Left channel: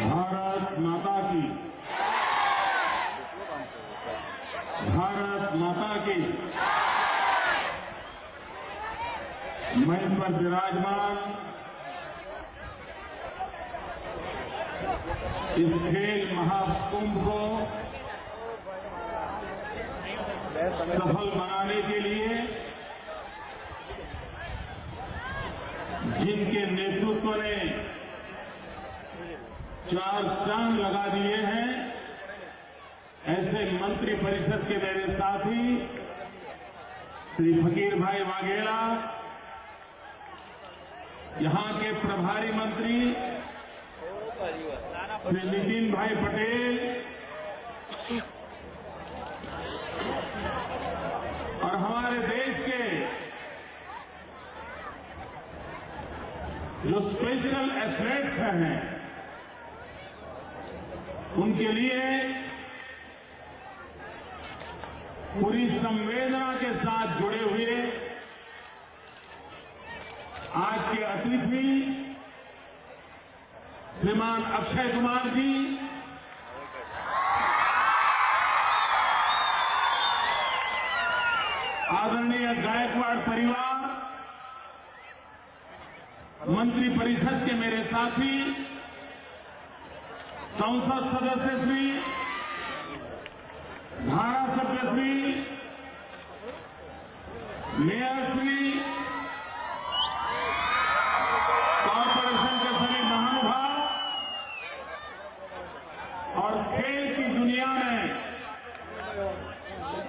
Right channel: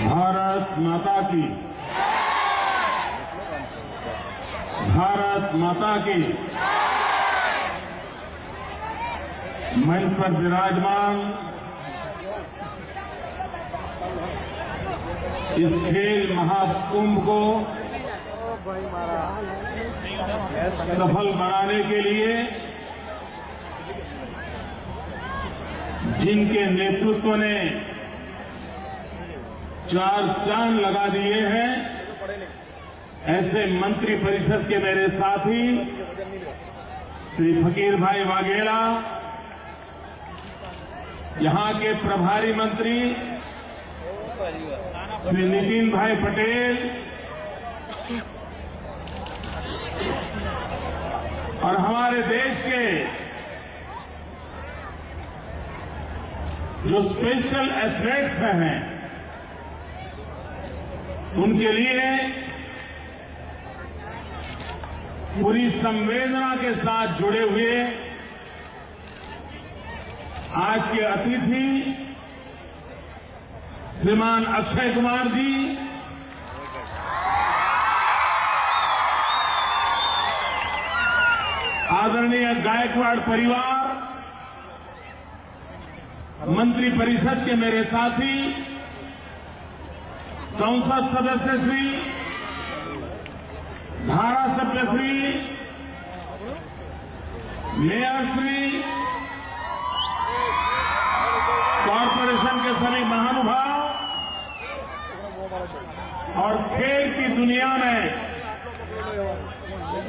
भारत माता की, भारत माता की। मंच पर विराजमान इस खेल महाकुंभ को सफल बनाने के लिए जिनके नेतृत्व ने 4 चांद लगा दिए हैं, ऐसे मंत्री परिषद के मेरे साथी श्री फकीर भाई वाघेला, यहां के प्रभारी मंत्री श्री नितिन भाई पटेल और हमारे देश के जो स्पेशल एथलीट्स हैं, उनके लिए पूरी संवेदना के साथ जुड़े हुए आज के अतिथि श्रीमान अक्षय कुमार जी, आदरणीय गायकवाड़ परिवार, मंत्री परिषद के मेरे साथी, संसद सदस्य श्री, धारासभ्य श्री, मेयर श्री, कॉरपोरेशन के सभी महानुभाव और खेल की दुनिया में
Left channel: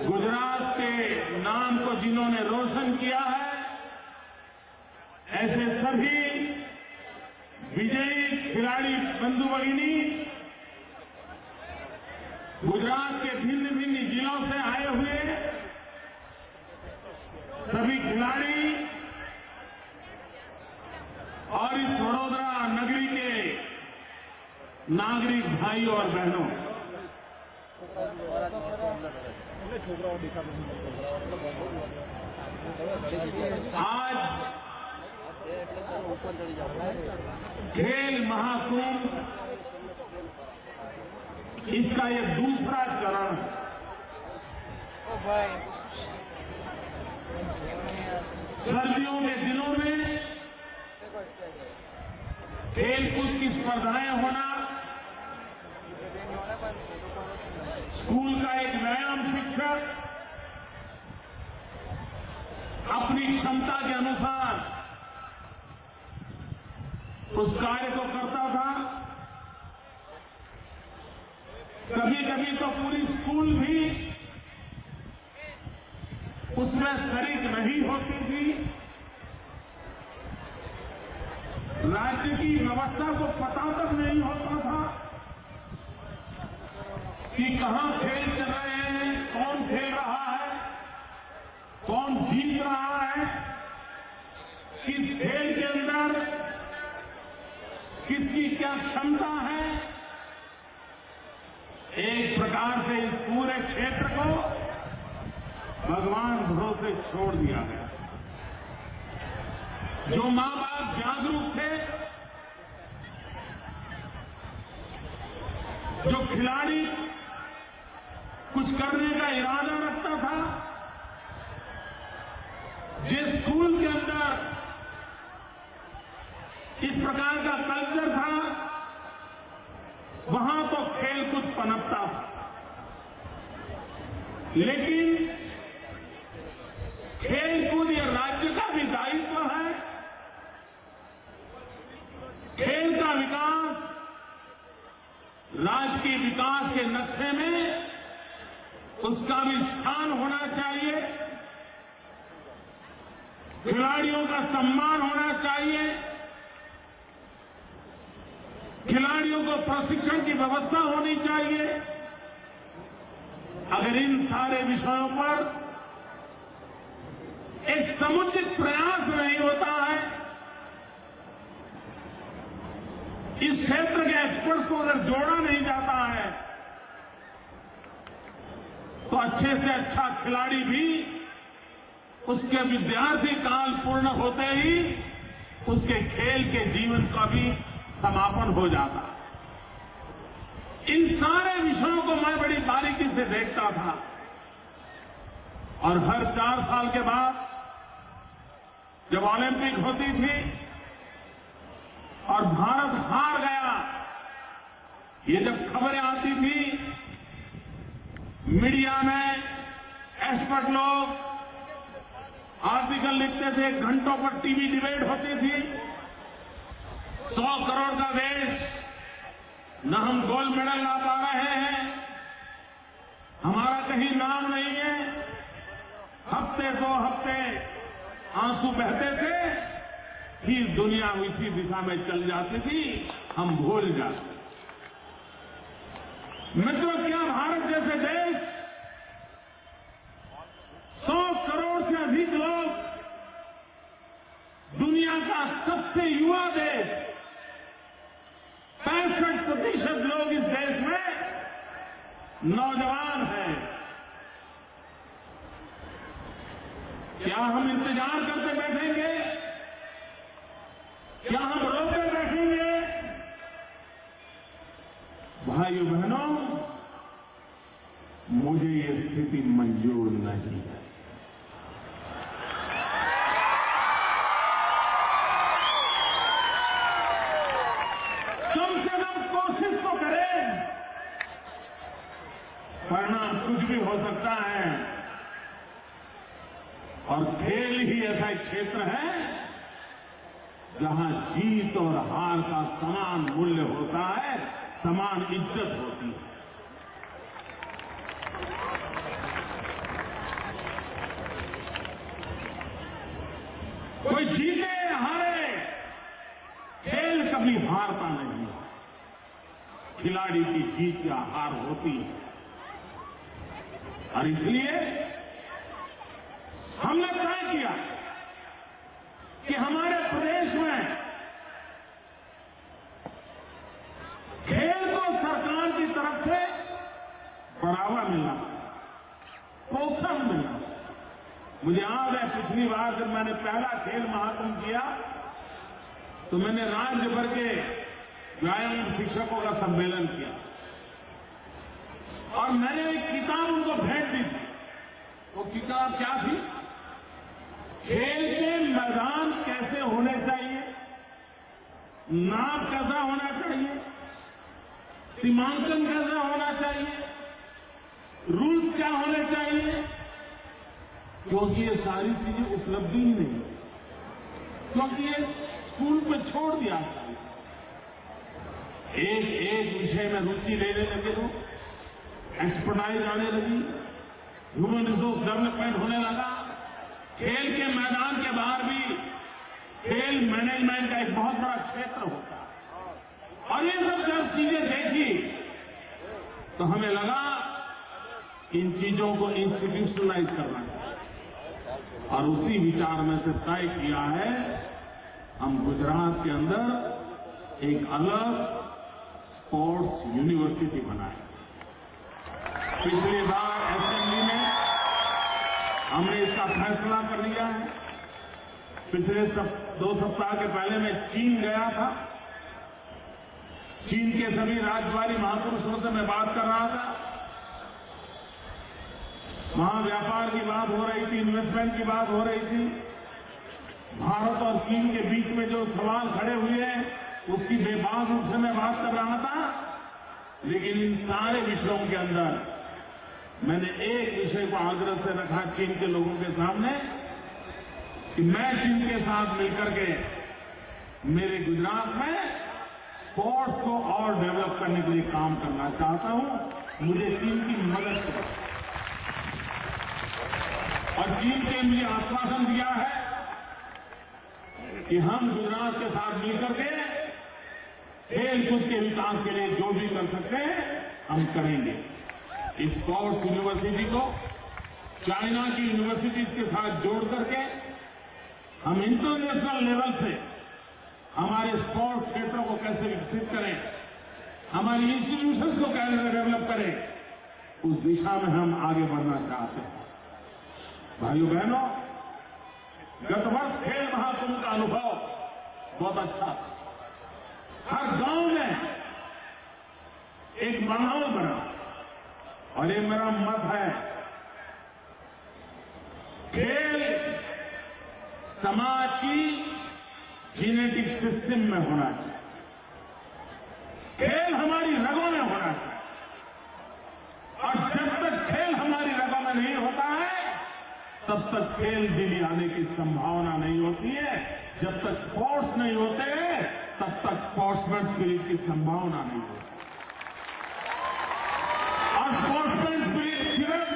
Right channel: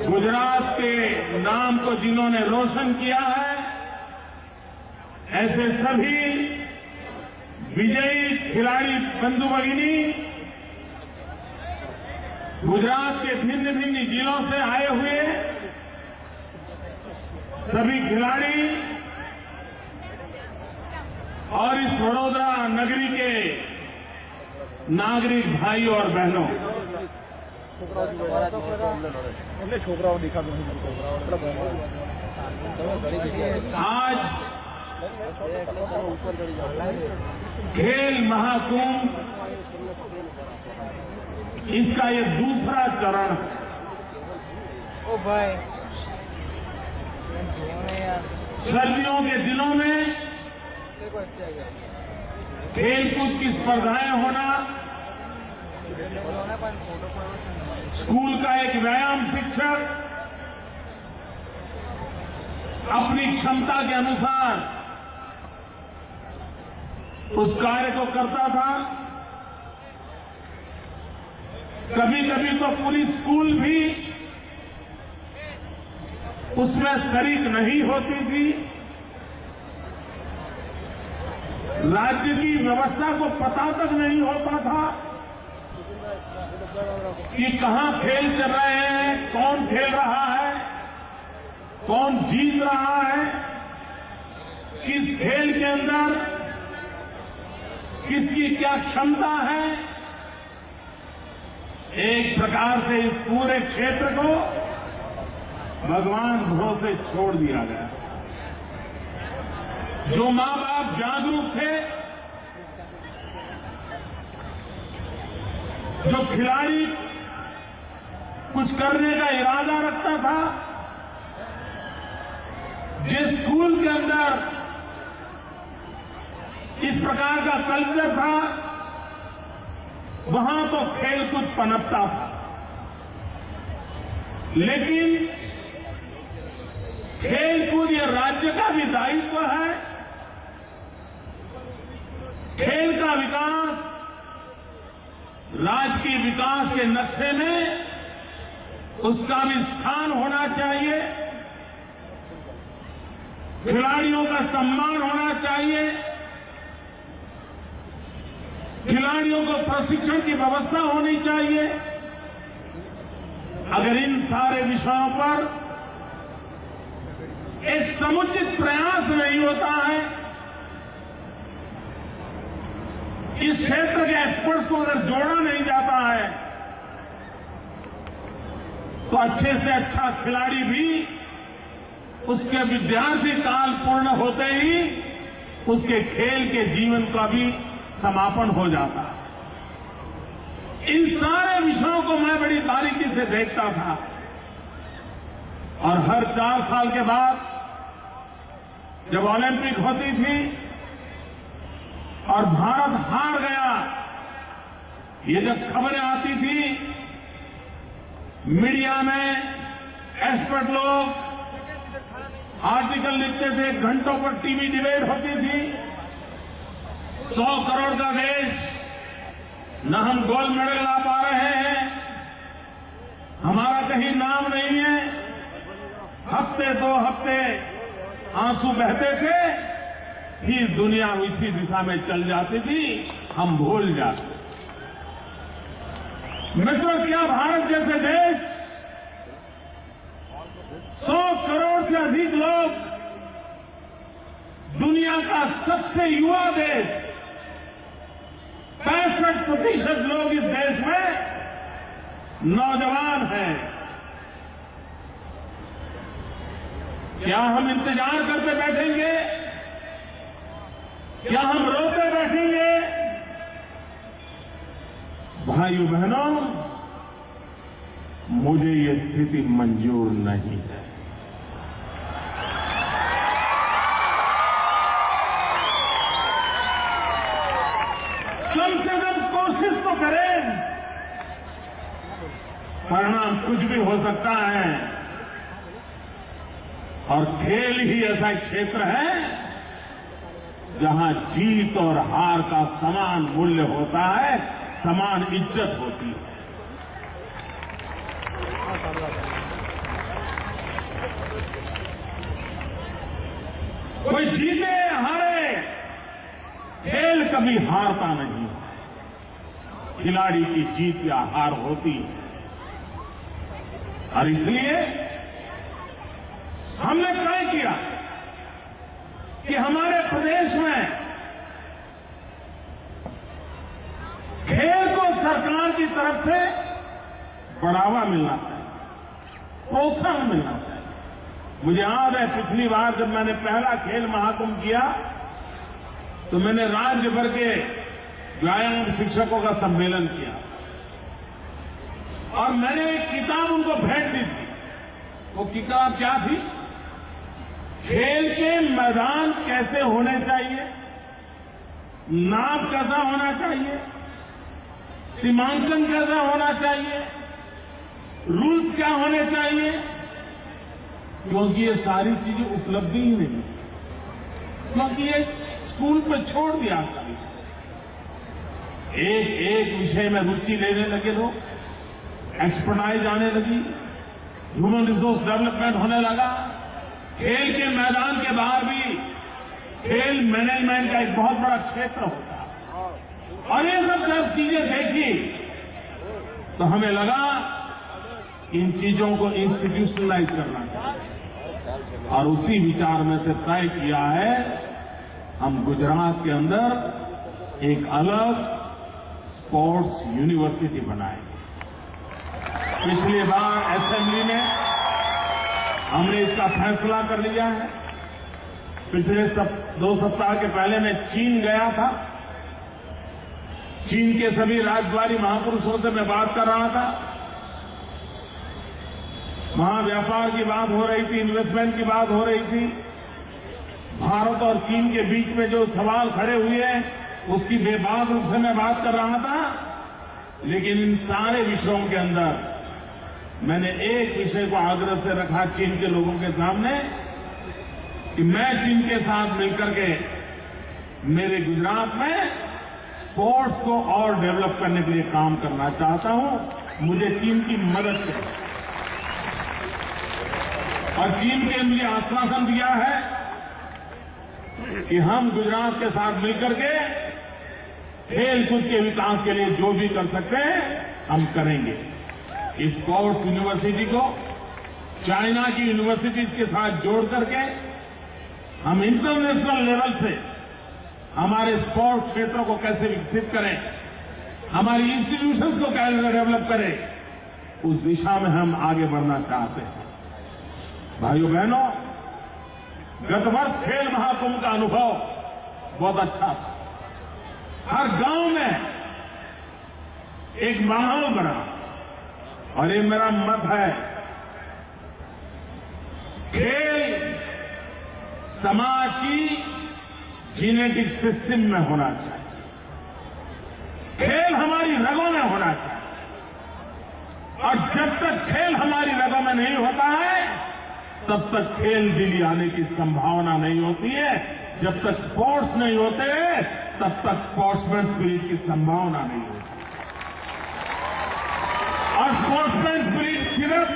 गुजरात के नाम को जिन्होंने रोशन किया है, ऐसे सभी विजयी खिलाड़ी बंधु भगिनी, गुजरात के भिन्न भिन्न जिलों से आए हुए सभी खिलाड़ी और इस वडोदरा नगरी के नागरिक भाई और बहनों, आज खेल महाकुंभ इसका ये दूसरा चरण है। सर्दियों के दिनों में खेलकूद की स्पर्धाएं होना, स्कूल का एक व्यायाम शिक्षक अपनी क्षमता के अनुसार उस कार्य को करता था। कभी कभी तो पूरी स्कूल भी उसमें शरीक नहीं होती थी। राज्य की व्यवस्था को पता तक नहीं होता था कि कहां खेल चल रहे हैं, कौन खेल रहा है, कौन जीत रहा है, किस खेल के अंदर किसकी क्या क्षमता है। एक प्रकार से इस पूरे क्षेत्र को भगवान भरोसे छोड़ दिया गया। जो मां बाप जागरूक थे, जो खिलाड़ी कुछ करने का इरादा रखता था, जिस स्कूल के अंदर इस प्रकार का कल्चर था, वहां तो खेलकूद पनपता था। लेकिन खेलकूद ये राज्य का भी दायित्व है। खेल का विकास राज्य के विकास के नक्शे में उसका भी स्थान होना चाहिए। खिलाड़ियों का सम्मान होना चाहिए। खिलाड़ियों को प्रशिक्षण की व्यवस्था होनी चाहिए। अगर इन सारे विषयों पर एक समुचित प्रयास नहीं होता है, इस क्षेत्र के एक्सपर्ट्स को अगर जोड़ा नहीं जाता है, तो अच्छे से अच्छा खिलाड़ी भी उसके विद्यार्थी काल पूर्ण होते ही उसके खेल के जीवन का भी समापन हो जाता है। इन सारे विषयों को मैं बड़ी बारीकी से देखता था और हर 4 साल के बाद जब ओलंपिक होती थी और भारत हार गया, ये जब खबरें आती थी, मीडिया में एक्सपर्ट लोग आर्टिकल लिखते थे, घंटों पर टीवी डिबेट होती थी, 100 करोड़ का देश, न हम गोल्ड मेडल ला पा रहे हैं, हमारा कहीं नाम नहीं है। हफ्ते 2 हफ्ते आंसू बहते थे, फिर दुनिया इसी दिशा में चल जाती थी, हम भूल जाते। मित्रों, क्या भारत जैसे देश 100 करोड़ से अधिक लोग, दुनिया का सबसे युवा देश, 65% लोग इस देश में नौजवान हैं। क्या हम इंतजार करते बैठेंगे? क्या हम रोते बैठेंगे? भाइयों बहनों, मुझे ये स्थिति मंजूर नहीं है। कम से कम कोशिश तो करें। परिणाम कुछ भी हो सकता है और खेल ही ऐसा एक क्षेत्र है जहां जीत और हार का समान मूल्य होता है, समान इज्जत होती है। कोई जीते हारे, खेल कभी हारता नहीं है। खिलाड़ी की जीत या हार होती है और इसलिए हमने तय किया कि हमारे प्रदेश में खेल को सरकार की तरफ से बढ़ावा मिलना चाहिए, प्रोत्साहन मिलना चाहिए। मुझे याद है पिछली बार जब मैंने पहला खेल महाकुंभ किया तो मैंने राज्य भर के व्यायाम शिक्षकों का सम्मेलन किया और मैंने एक किताब उनको भेंट दी थी। वो किताब क्या थी? खेल के मैदान कैसे होने चाहिए, नाप कैसा होना चाहिए, सीमांकन कैसा होना चाहिए, रूल्स क्या होने चाहिए, क्योंकि ये सारी चीजें उपलब्ध ही नहीं, क्योंकि ये स्कूल पर छोड़ दिया था। एक विषय में रुचि लेने लगे लोग, एक्सपर्टाइज आने लगी, ह्यूमन रिसोर्स डेवलपमेंट होने लगा। खेल के मैदान के बाहर भी खेल मैनेजमेंट का एक बहुत बड़ा क्षेत्र होता है और ये सब जब चीजें देखी तो हमें लगा इन चीजों को इंस्टीट्यूशनलाइज करना चाहिए और उसी विचार में से तय किया है हम गुजरात के अंदर एक अलग स्पोर्ट्स यूनिवर्सिटी बनाएंगे। पिछली बार असेंबली में हमने इसका फैसला कर लिया है। पिछले 2 सप्ताह के पहले मैं चीन गया था। चीन के सभी राजद्वारी महापुरुषों से मैं बात कर रहा था। वहां व्यापार की बात हो रही थी, इन्वेस्टमेंट की बात हो रही थी। भारत और चीन के बीच में जो सवाल खड़े हुए हैं उसकी बेबाक रूप से मैं बात कर रहा था। लेकिन इन सारे विषयों के अंदर मैंने एक विषय को आग्रह से रखा चीन के लोगों के सामने कि मैं चीन के साथ मिलकर के मेरे गुजरात में स्पोर्ट्स को और डेवलप करने के लिए काम करना चाहता हूं। मुझे चीन की मदद चाहिए और चीन ने मुझे आश्वासन दिया है कि हम गुजरात के साथ मिलकर के खेलकूद के विकास के लिए जो भी कर सकते हैं हम करेंगे। इस स्पोर्ट्स यूनिवर्सिटी को चाइना की यूनिवर्सिटीज के साथ जोड़ करके हम इंटरनेशनल लेवल से हमारे स्पोर्ट्स क्षेत्रों को कैसे विकसित करें, हमारी इंस्टीट्यूशंस को कैसे डेवलप करें, उस दिशा में हम आगे बढ़ना चाहते हैं। भाइयों बहनों, गत वर्ष खेल महाकुंभ का अनुभव बहुत अच्छा था। हर गांव में एक माहौल बना। और ये मेरा मत है, खेल समाज की जीनेटिक सिस्टम में होना चाहिए। खेल हमारी रगों में होना चाहिए। और जब तक खेल हमारी रगों में नहीं होता है, तब तक खेल दिली आने की संभावना नहीं होती है। जब तक स्पोर्ट्स नहीं होते, तब तक स्पोर्ट्समैन स्पिरिट की संभावना नहीं होती। और स्पोर्ट्समैन स्पिरिट सिर्फ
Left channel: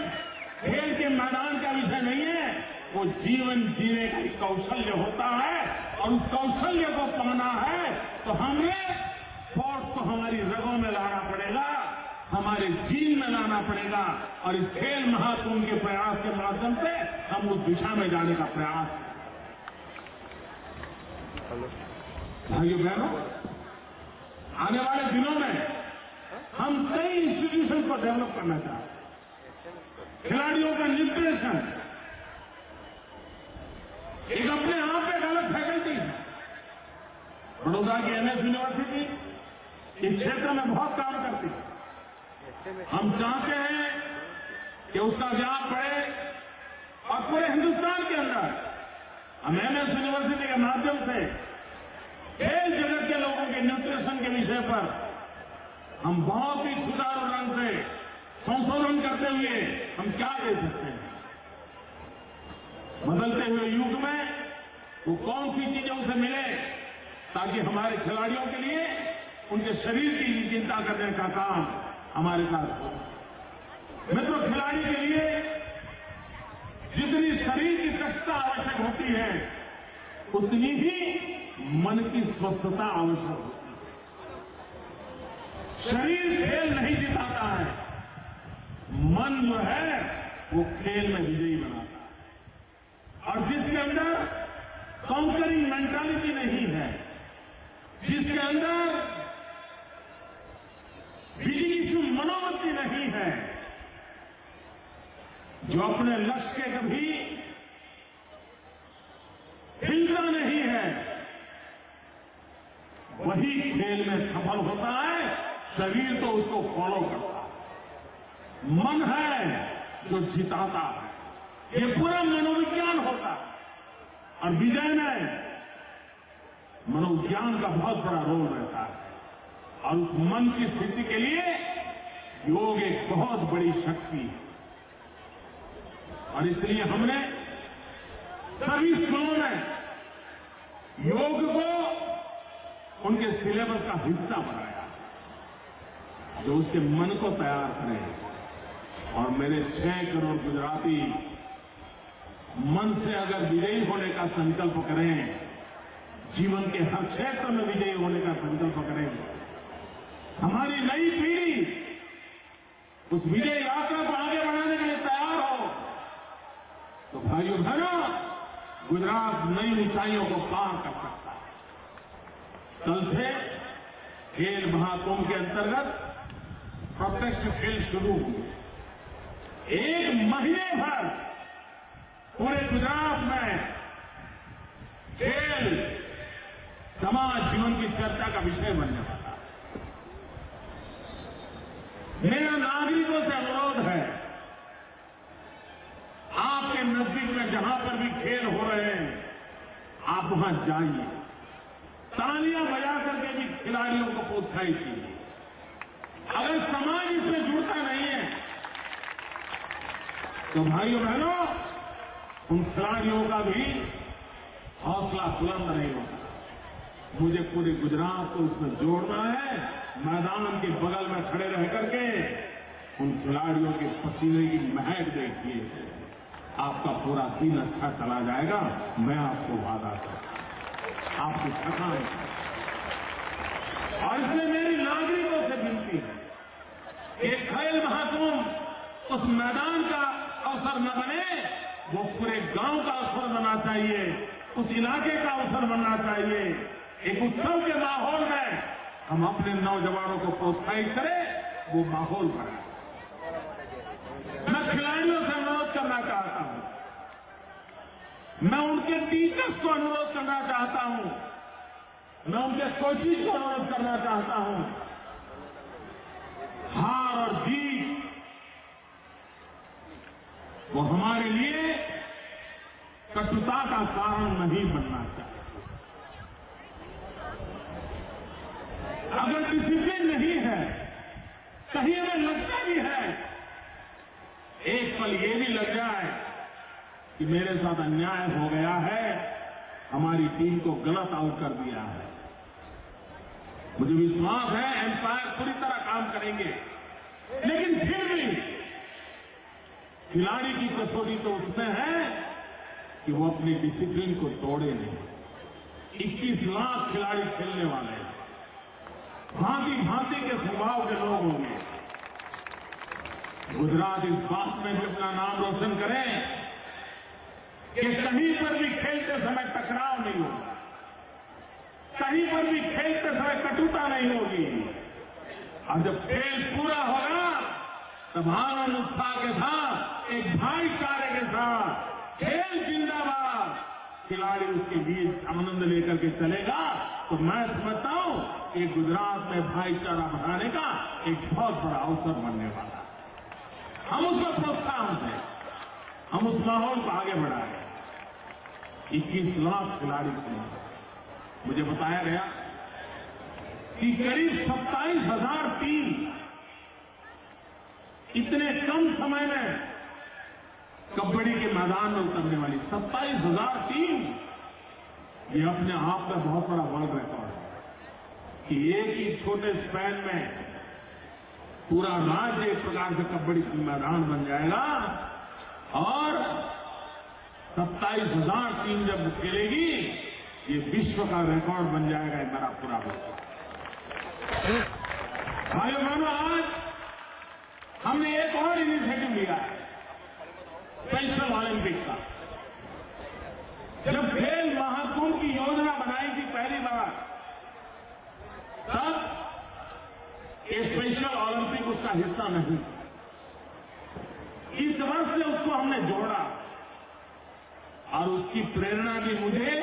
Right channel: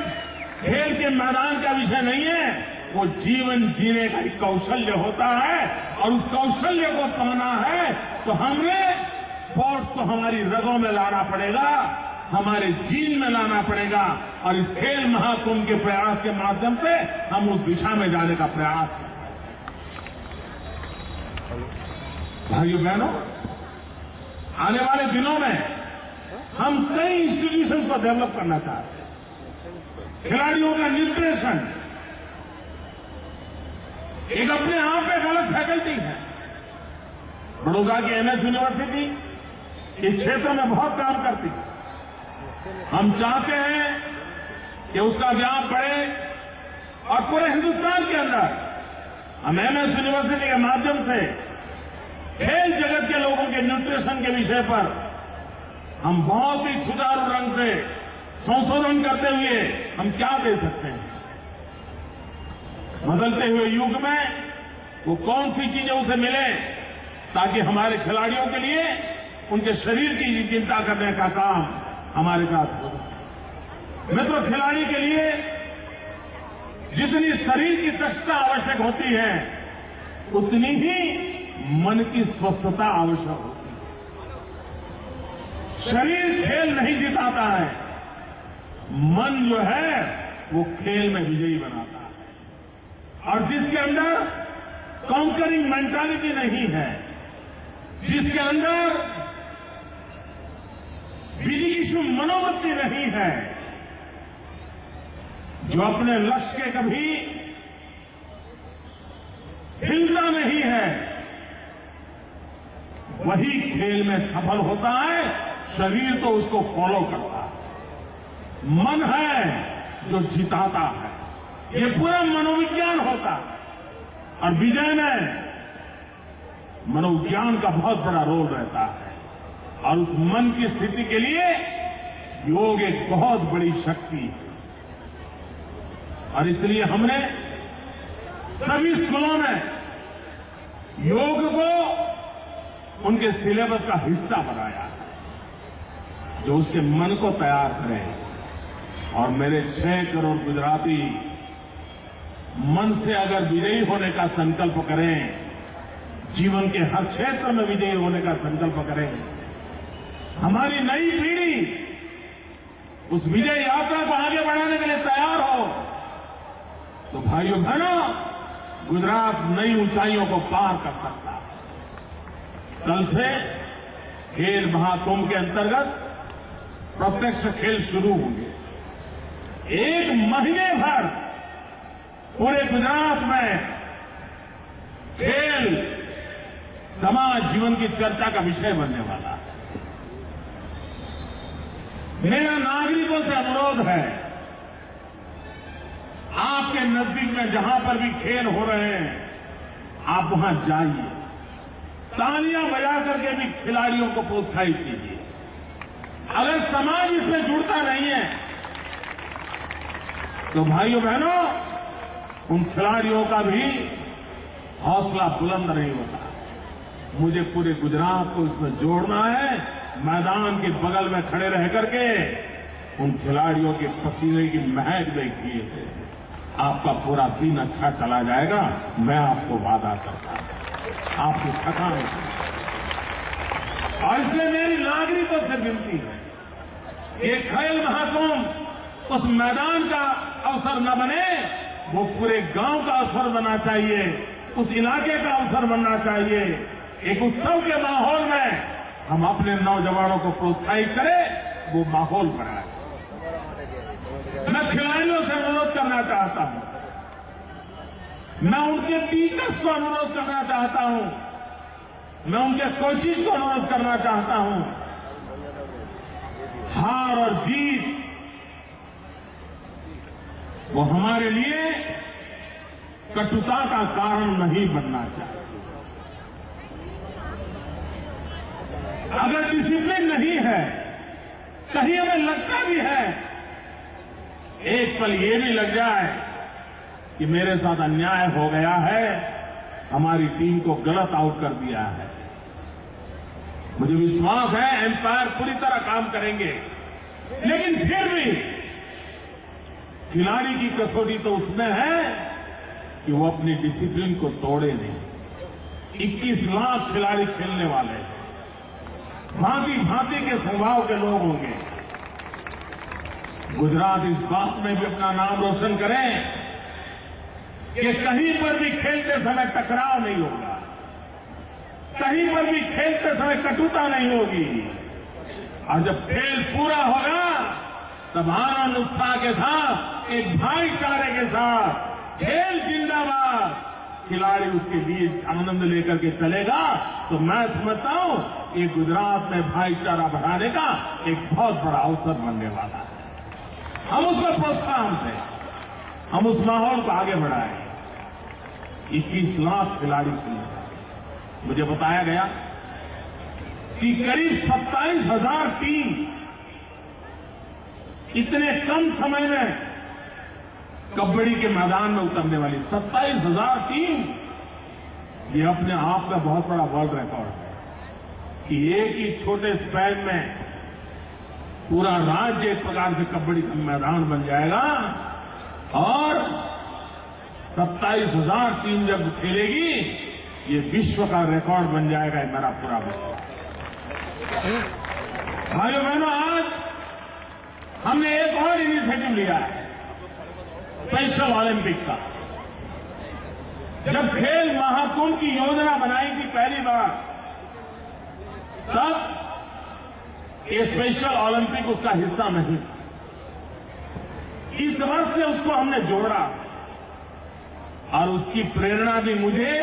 खेल के मैदान का विषय नहीं है, वो जीवन जीने का एक कौशल्य होता है। और उस कौशल्य को पाना है तो हमने स्पोर्ट्स को हमारी रगों में लाना पड़ेगा, हमारे जीन में लाना पड़ेगा। और इस खेल महाकुंभ के प्रयास के माध्यम से हम उस दिशा में जाने का प्रयास कर रहे हैं। भाइयों बहनों, आने वाले दिनों में हम कई इंस्टीट्यूशन को डेवलप करना चाहते हैं। खिलाड़ियों का निर्देशन एक अपने आप में एक अलग फैकल्टी है। बड़ौदा की एमएस यूनिवर्सिटी इस क्षेत्र में बहुत काम करती है। हम चाहते हैं कि उसका व्याप बढ़े और पूरे हिंदुस्तान के अंदर हम एमएस यूनिवर्सिटी के माध्यम से खेल जगत के लोगों के न्यूट्रिशन के विषय पर हम बहुत ही सुचारू ढंग से संशोधन करते हुए हम क्या दे सकते हैं। बदलते हुए युग में वो कौन सी चीजें उसे मिले ताकि हमारे खिलाड़ियों के लिए उनके शरीर की चिंता करने का काम हमारे साथ हो सके। मित्रों, खिलाड़ी के लिए जितनी शरीर की दक्षता आवश्यक होती है, उतनी ही मन की स्वस्थता आवश्यक होती है। शरीर खेल नहीं जिताता है, मन जो है वो खेल में विजयी बनाता है। और जिसके अंदर कॉन्करिंग मेंटालिटी नहीं है, जिसके अंदर विजिगीषु मनोवृत्ति नहीं है, जो अपने लक्ष्य के कभी हिलता नहीं है, वही खेल में सफल होता है। शरीर तो उसको फॉलो करता है, मन है जो जिताता है। ये पूरा मनोविज्ञान होता है और विजय में मनोविज्ञान का बहुत बड़ा रोल रहता है। और उस मन की स्थिति के लिए योग एक बहुत बड़ी शक्ति है। और इसलिए हमने सभी स्कूलों में योग को उनके सिलेबस का हिस्सा बनाया है, जो उसके मन को तैयार करे। और मेरे 6 करोड़ गुजराती मन से अगर विजयी होने का संकल्प करें, जीवन के हर क्षेत्र में विजयी होने का संकल्प करें, हमारी नई पीढ़ी उस विजय यात्रा को आगे बढ़ाने के लिए तैयार हो, तो भाइयों बहनों, गुजरात नई ऊंचाइयों को पार कर सकता है। कल से खेल महाकुंभ के अंतर्गत प्रत्यक्ष खेल शुरू होंगे। 1 महीने भर पूरे गुजरात में खेल समाज जीवन की चर्चा का विषय बनने वाला है। मेरा नागरिकों से अनुरोध है, आपके नजदीक में जहां पर भी खेल हो रहे हैं, आप वहां जाइए, तालियां बजा करके भी खिलाड़ियों को प्रोत्साहित कीजिए। अगर समाज इसमें जुड़ता नहीं है, तो भाइयों बहनों, उन खिलाड़ियों का भी हौसला बुलंद नहीं होता। मुझे पूरे गुजरात को इसमें जोड़ना है। मैदान के बगल में खड़े रह करके उन खिलाड़ियों के पसीने की महक देखिए, आपका पूरा दिन अच्छा चला जाएगा। मैं आपको वादा करता हूं, आपकी थकान। और इसलिए मेरी नागरिकों से विनती है, ये खेल महाकुंभ उस मैदान का अवसर न बने, वो पूरे गांव का अवसर बनना चाहिए, उस इलाके का अवसर बनना चाहिए। एक उत्सव के माहौल में हम अपने नौजवानों को प्रोत्साहित करें, वो माहौल बनाए। मैं खिलाड़ियों से अनुरोध करना चाहता हूं, मैं उनके टीचर्स को अनुरोध करना चाहता हूं, मैं उनके कोचेज को अनुरोध करना चाहता हूं हार और जीत वो हमारे लिए कटुता का कारण नहीं बनना चाहिए। अगर डिसिप्लिन नहीं है, कहीं हमें लगता भी है, एक पल ये भी लग जाए कि मेरे साथ अन्याय हो गया है, हमारी टीम को गलत आउट कर दिया है, मुझे विश्वास है एम्पायर पूरी तरह काम करेंगे, लेकिन फिर भी खिलाड़ी की कसौटी तो उसमें है कि वो अपनी डिसिप्लिन को तोड़े नहीं। 21 लाख खिलाड़ी खेलने वाले हैं, भांति भांति के स्वभाव के लोग होंगे। गुजरात इस बात में भी अपना नाम रोशन करें कि कहीं पर भी खेलते समय टकराव नहीं होगा, कहीं पर भी खेलते समय कटुता नहीं होगी, और जब खेल पूरा होगा तब आनंद उत्साह के साथ, एक भाईचारे के साथ, खेल जिंदाबाद, खिलाड़ी उसके लिए आनंद लेकर के चलेगा। तो मैं समझता हूं कि गुजरात में भाईचारा बढ़ाने का एक बहुत बड़ा अवसर बनने वाला है। हम उसको प्रोत्साहन दें, हम उस माहौल को आगे बढ़ाएं। 21 लाख खिलाड़ी खेलने वाले, मुझे बताया गया कि करीब 27,000 टीम इतने कम समय में कबड्डी के मैदान में उतरने वाली 27,000 टीम, ये अपने आप में बहुत बड़ा वर्ल्ड रिकॉर्ड है कि एक ही छोटे स्पैन में पूरा राज्य एक प्रकार से कबड्डी का मैदान बन जाएगा, और 27,000 टीम जब खेलेगी, ये विश्व का रिकॉर्ड बन जाएगा, ये मेरा पूरा विश्वास। भाइयों बहनों, आज हमने एक और इनिशिएटिव लिया है, स्पेशल ओलंपिक का। जब खेल महाकुंभ की योजना बनाई थी पहली बार, तब ये स्पेशल ओलंपिक उसका हिस्सा नहीं। इस वर्ष से उसको हमने जोड़ा, और उसकी प्रेरणा भी मुझे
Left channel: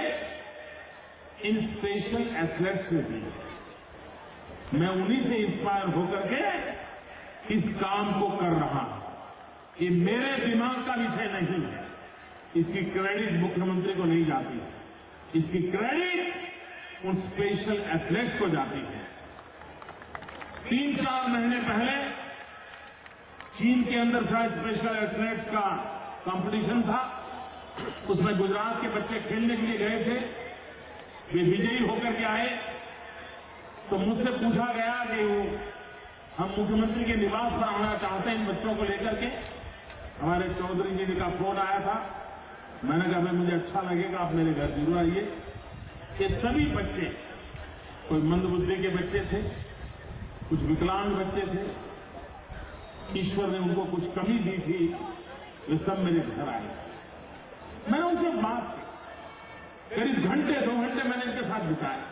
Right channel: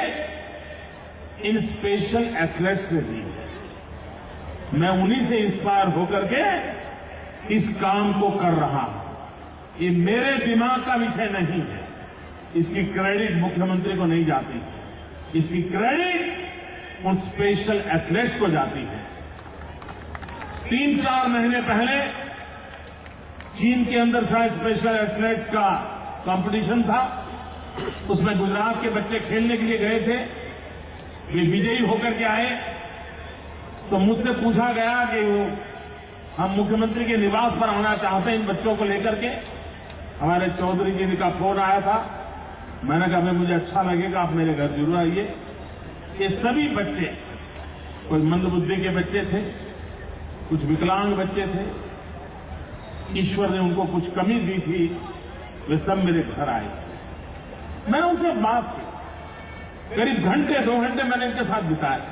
इन स्पेशल एथलेट्स से दी है। मैं उन्हीं से इंस्पायर होकर के इस काम को कर रहा हूं। ये मेरे दिमाग का विषय नहीं है, इसकी क्रेडिट मुख्यमंत्री को नहीं जाती है, इसकी क्रेडिट उन स्पेशल एथलेट्स को जाती है। 3-4 महीने पहले चीन के अंदर शायद स्पेशल एथलेट्स का कंपटीशन था, उसमें गुजरात के बच्चे खेलने के लिए गए थे, वे विजयी होकर के आए। तो मुझसे पूछा गया कि वो हम मुख्यमंत्री के निवास पर आना चाहते हैं इन बच्चों को लेकर के। हमारे चौधरी जी का फोन आया था, मैंने कहा भाई मुझे अच्छा लगेगा, आप मेरे घर जरूर आइए। ये सभी बच्चे, कोई मंदबुद्धि के बच्चे थे, कुछ विकलांग बच्चे थे, ईश्वर ने उनको कुछ कमी दी थी, वे सब मेरे घर आए। मैंने उनसे बात की, करीब घंटे 2 घंटे मैंने इनके साथ बिताए।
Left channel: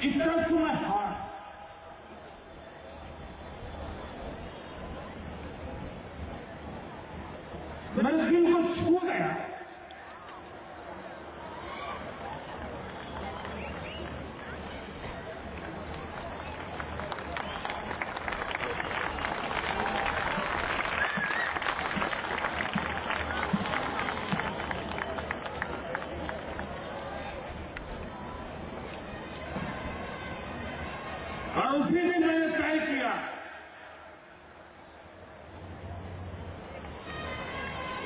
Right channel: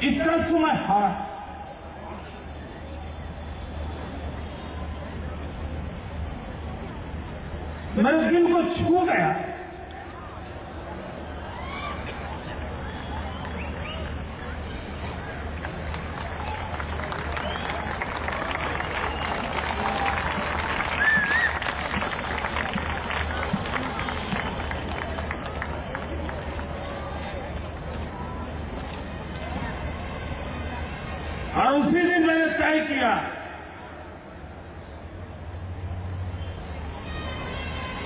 It touched to my heart. मेरे दिल को छू गया। और उसी दिन मैंने तय किया,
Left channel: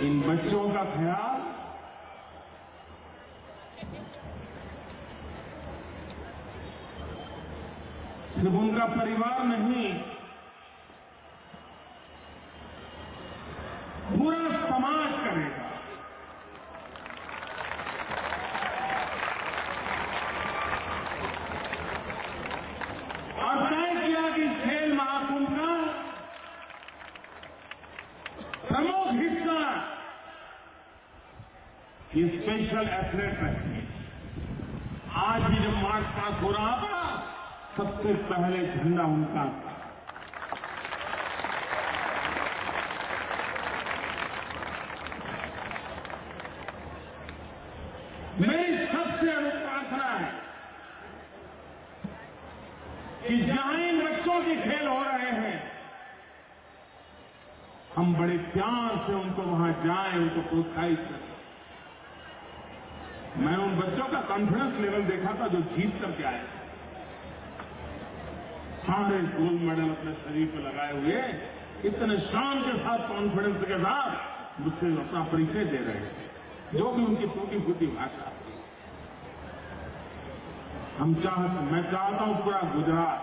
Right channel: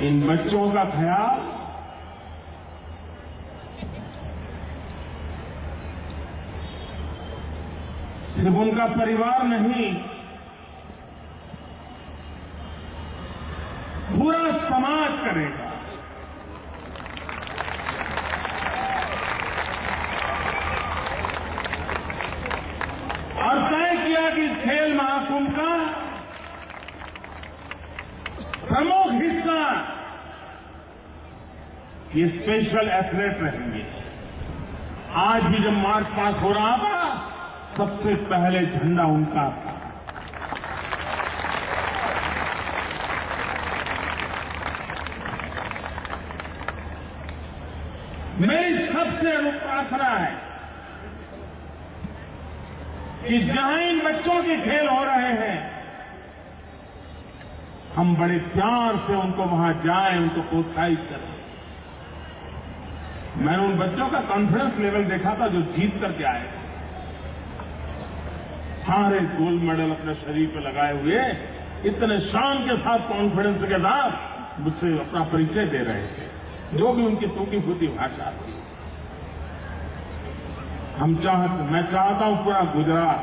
इन बच्चों का ख्याल सिर्फ उनका परिवार नहीं, पूरा समाज करेगा। और तय किया कि इस खेल महाकुंभ का प्रमुख हिस्सा ये स्पेशल एथलेट रहेंगे। आज भी जब मार्च पास हो रहा था, सबसे पहले झंडा उनका था। से प्रार्थना है कि जहां इन बच्चों के खेल हो रहे हैं, हम बड़े प्यार से उनको वहां जाएं, उनको प्रोत्साहित करें। मैंने उन बच्चों का कॉन्फिडेंस लेवल देखा था जो जीत करके आए थे। सारे गोल्ड मेडल अपने शरीर पे लगाए हुए इतने शान के साथ, कॉन्फिडेंस के साथ मुझसे अपना परिचय दे रहे थे, जो भी उनकी टूटी फूटी भाषा थी। मैं चाहता हूं पूरा गुजरात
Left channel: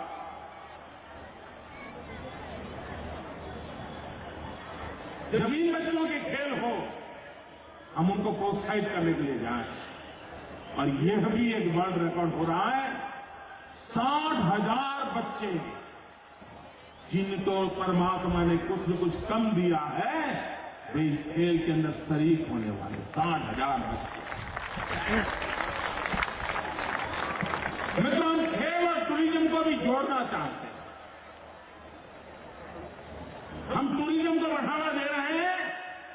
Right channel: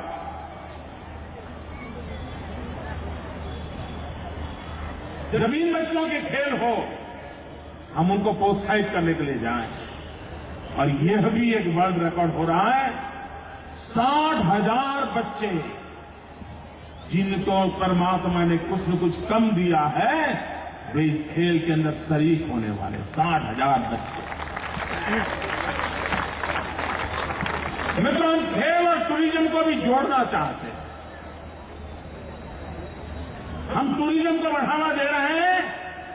जब इन बच्चों के खेल हो, हम उनको प्रोत्साहित करने के लिए जाएं। और यह भी एक वर्ल्ड रिकॉर्ड हो रहा है, 60,000 बच्चे जिनको परमात्मा ने कुछ न कुछ कम दिया है, वे इस खेल के अंदर शरीक होने वाले 60,000 बच्चे। मित्रों, हम खेल और टूरिज्म को भी जोड़ना चाहते हैं। हम टूरिज्म को बढ़ावा दे रहे हैं,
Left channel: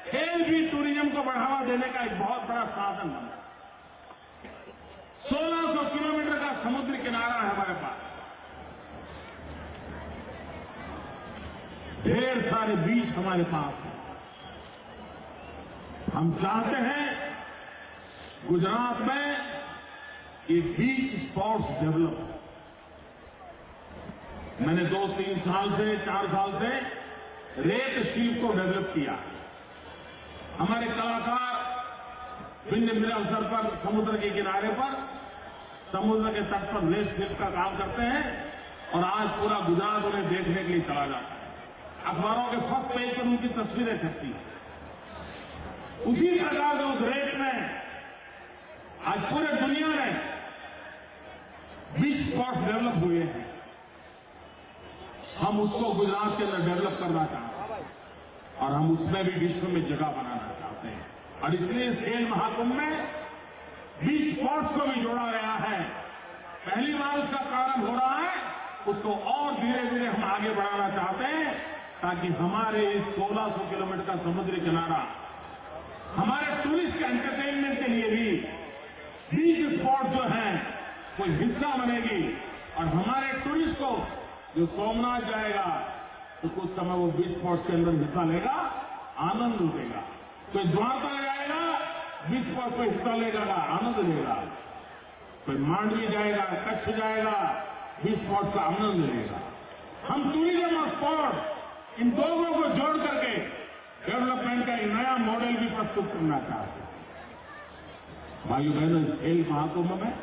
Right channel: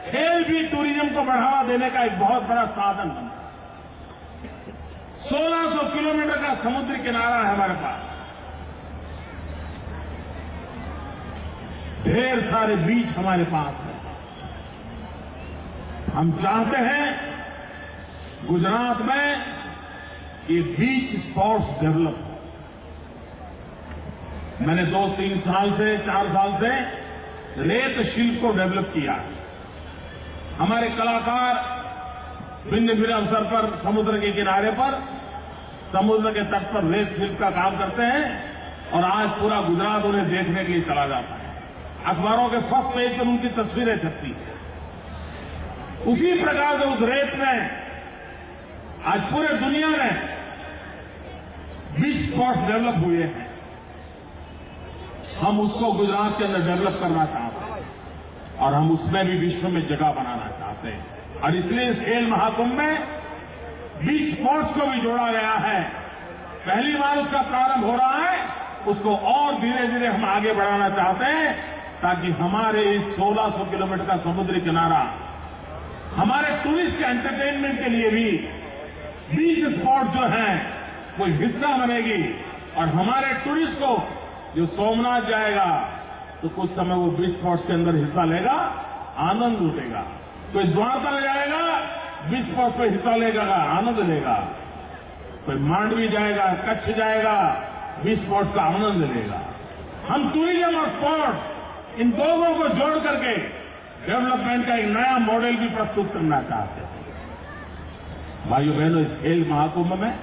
खेल भी टूरिज्म को बढ़ावा देने का एक बहुत बड़ा साधन बनता है। 1600 किलोमीटर का समुद्री किनारा है हमारे पास, ढेर सारे बीच हमारे पास है। हम चाहते हैं गुजरात में ये बीच स्पोर्ट्स डेवलप हो। मैंने 2-3 साल से 4 साल से रेत शिल्प को डेवलप किया। हमारे कलाकार भिन्न भिन्न अवसर पर समुद्र के किनारे पर, समुद्र के तट पर रेत शिल्प का काम करते हैं, और आज पूरा गुजरात उन्हें देखने के लिए चला जाता है। अखबारों के फर्स्ट पेज पर उनकी तस्वीरें छपती हैं। उसी प्रकार से उस रेत में आज पूरे दुनिया में बीच स्पॉट्स डेवलप हुए हैं। हम उसको गुजरात के अंदर डेवलप करना चाहते हैं और हम उसमें भी विश्व में जगह बनाना चाहते हैं। और इसलिए इस खेल महाकुंभ में बीच स्पोर्ट्स को भी जोड़ा गया है। पहली बार उसका प्रारंभ हो रहा है, उसको और धीरे धीरे हम आगे बढ़ाना चाहते हैं, ताकि हमारे इस 1600 किलोमीटर का समुद्री किनारा हमारे टूरिस्ट के एंटरटेनमेंट के लिए भी बीच स्पॉट जो है वो हिस्सा बनेगी। और हमारे टूरिस्ट को जो सोमनाथ जाएगा तो कुछ समय वो बीच स्पॉट्स के अंदर हिस्सा लेगा, आनंद लूटेगा। कोई द्वारका जाएगा, बीच स्पॉट पर हिस्सा लेगा, आनंद लेगा। कोई मांडवी जाएगा, कच्छ जाएगा, बीच स्पॉट्स का आनंद लेगा। हम टूरिज्म और स्पोर्ट्स इन दोनों को जोड़ करके डेवलपमेंट का एक नया मॉडल भी प्रस्तुत करना चाहते हैं। भाइयों बहनों, इस खेल महाकुंभ में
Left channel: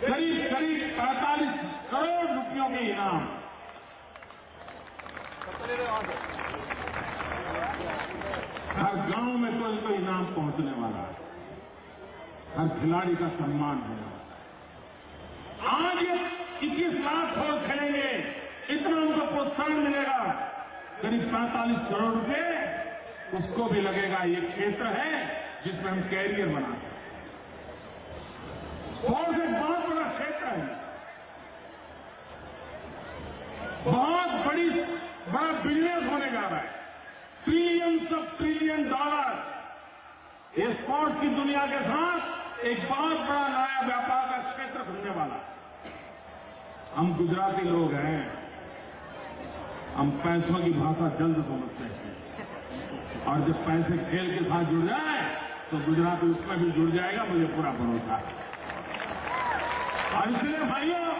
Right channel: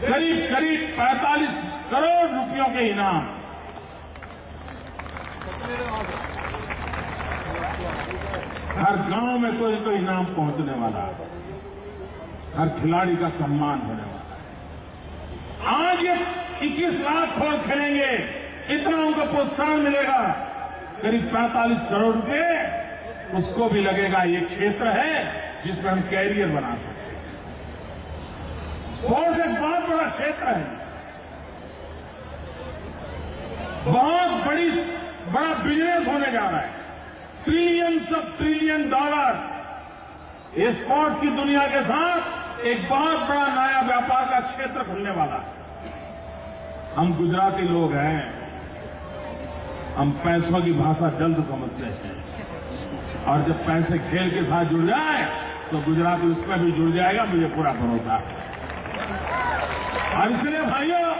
करीब 45 करोड़ रुपयों के इनाम, हर गांव में कोई कोई इनाम पहुंचने वाला है, हर खिलाड़ी का सम्मान होने वाला है। आज ये 21 लाख खेल खेलेंगे, इतना उनको प्रोत्साहन मिलेगा। करीब 45 करोड़ रुपए उसको भी लगेगा। ये क्षेत्र है जिसमें हम कैरियर बना सकते हैं। स्पोर्ट्स एक बहुत बड़ा क्षेत्र है, बहुत बड़ा बिजनेस होने जा रहा है। ट्रिलियंस ऑफ ट्रिलियन डॉलर ये स्पोर्ट्स की दुनिया के साथ एक बहुत बड़ा नया व्यापार का क्षेत्र खुलने वाला है। हम गुजराती लोग हैं, हम पैसों की भाषा जल्द समझते हैं, और जब पैसे खेल के साथ जुड़ जाए तो गुजराती उसमें भी जुड़ जाएगा, मुझे पूरा भरोसा है। और इसलिए भाइयों,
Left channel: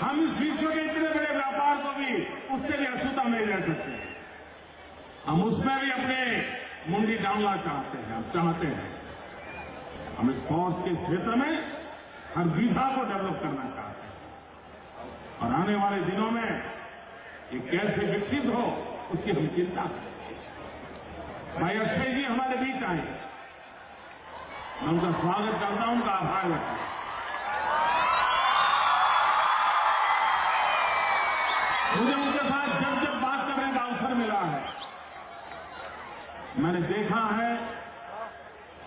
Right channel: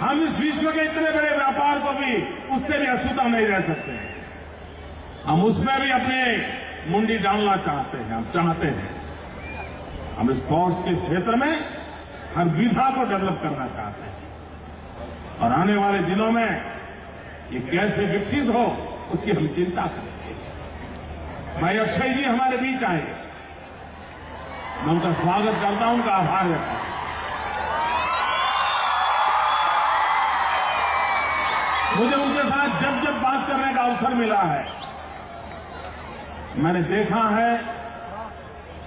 हम इस विश्व के इतने बड़े व्यापार को भी उससे भी अछूता नहीं रह सकते। हम उसमें भी अपने मुंडी डालना चाहते हैं। हम चाहते हैं हम स्पोर्ट्स के क्षेत्र में हर विधा को डेवलप करना चाहते हैं, और आने वाले दिनों में ये कैसे विकसित हो उसकी हम चिंता करेंगे। भाई अक्षय जी हमारे बीच आए, मैं उनका स्वागत करता हूं, उनका आभार व्यक्त करता हूं। मुझे उनके साथ जब जब बात करने का अवसर मिला है, मैंने देखा है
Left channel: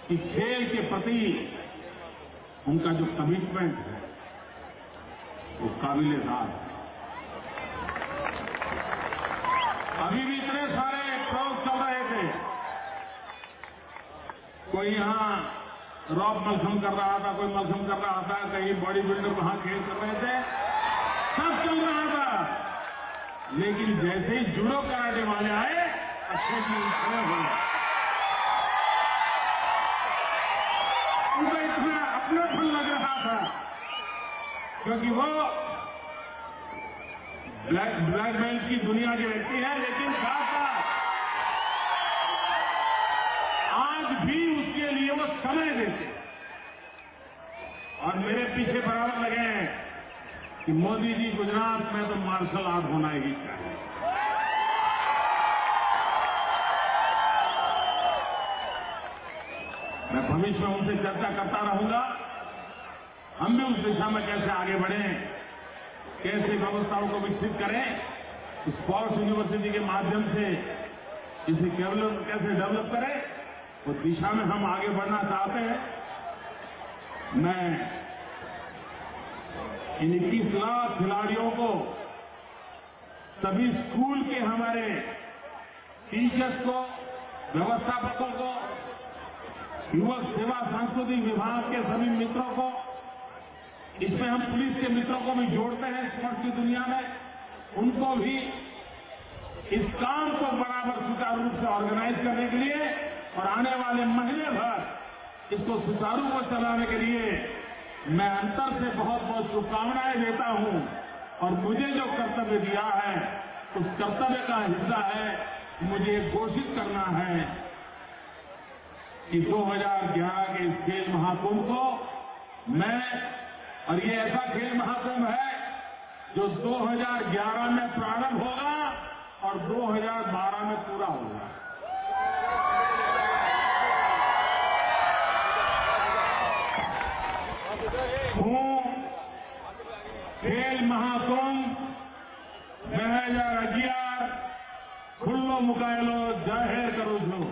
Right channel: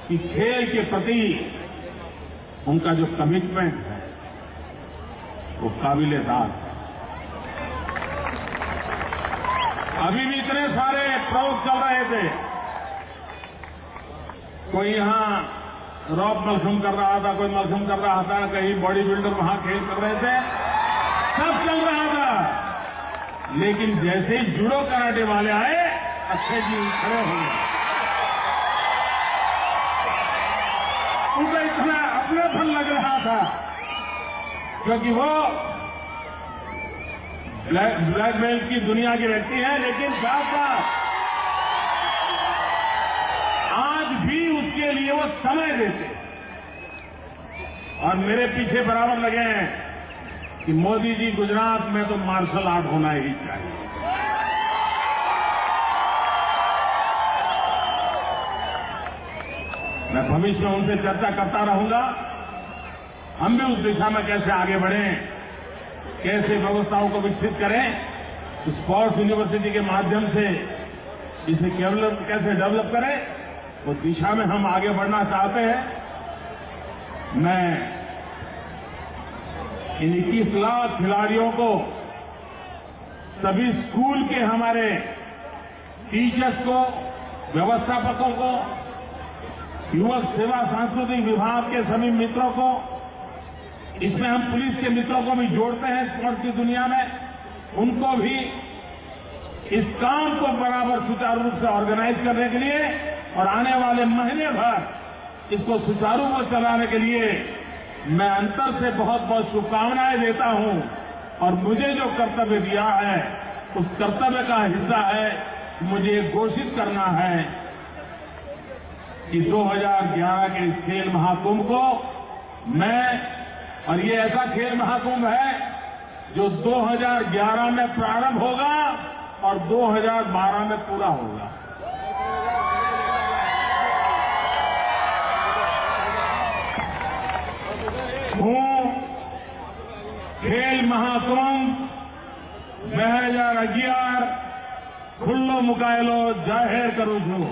कि खेल के प्रति उनका जो कमिटमेंट है वो काबिल-ए-दाद है। अभी भी इतने सारे प्रयोग चल रहे थे, कोई यहां रॉप मलखम कर रहा था, कोई मलखम कर रहा था, कहीं बॉडी बिल्डर वहां खेल कर रहे थे, सब चल रहा था। लेकिन जैसे ही जूडो कराटे वाले आए, अक्षय जी खड़े हो गए। उनको इतना अपनापन लग रहा था, क्योंकि वो ब्लैक बेल्ट की दुनिया के व्यक्ति हैं, लेकिन साथ साथ आज भी उसके लिए वो समय देते। और मेरे पीछे बराबर लगे हैं कि मोदी जी गुजरात में तो मार्शल आर्ट होना ही चाहिए। मैं भविष्य में उनसे चर्चा करता रहूंगा, हम भी उस दिशा में कैसे आगे बढ़ें, कैसे व्यवस्थाओं को विकसित करें, स्पोर्ट्स यूनिवर्सिटी के माध्यम से इसे कैसे डेवलप करें, वो दिशा में हम आगे बढ़ना चाहते हैं। मैं इन 21 लाख खिलाड़ियों को, सभी स्कूल के हमारे टीचर्स को, व्यवस्थापकों को, युवक सेवा सांस्कृतिक विभाग के सभी मित्रों को, इसमें हम पुलिस के मित्रों को भी जोड़ते हैं स्पोर्ट्स की दुनिया में, उनको भी इस काम को बराबर सुचारू रूप से ऑर्गेनाइज करने के लिए और आने वाले महीने भर इसको सुचारू रूप से चलाने के लिए मैं अंतर से बहुत बहुत शुभकामनाएं देता हूं। और मुझे जो कर्तव्य दिया है, उस कर्तव्य का हिस्सा है मुझे घोषित करना है कि 2011 के इस खेल महाकुंभ को मैं, और ये ऐसा खेल महाकुंभ है जो 2011 में प्रारंभ होगा और 2012 में पूरा होगा। હું ખેલ મહાકુંભ 2011 ખુલ્લો મુકાયેલો જાહેર કરું છું।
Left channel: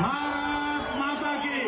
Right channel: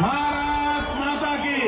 ભારત માતા કી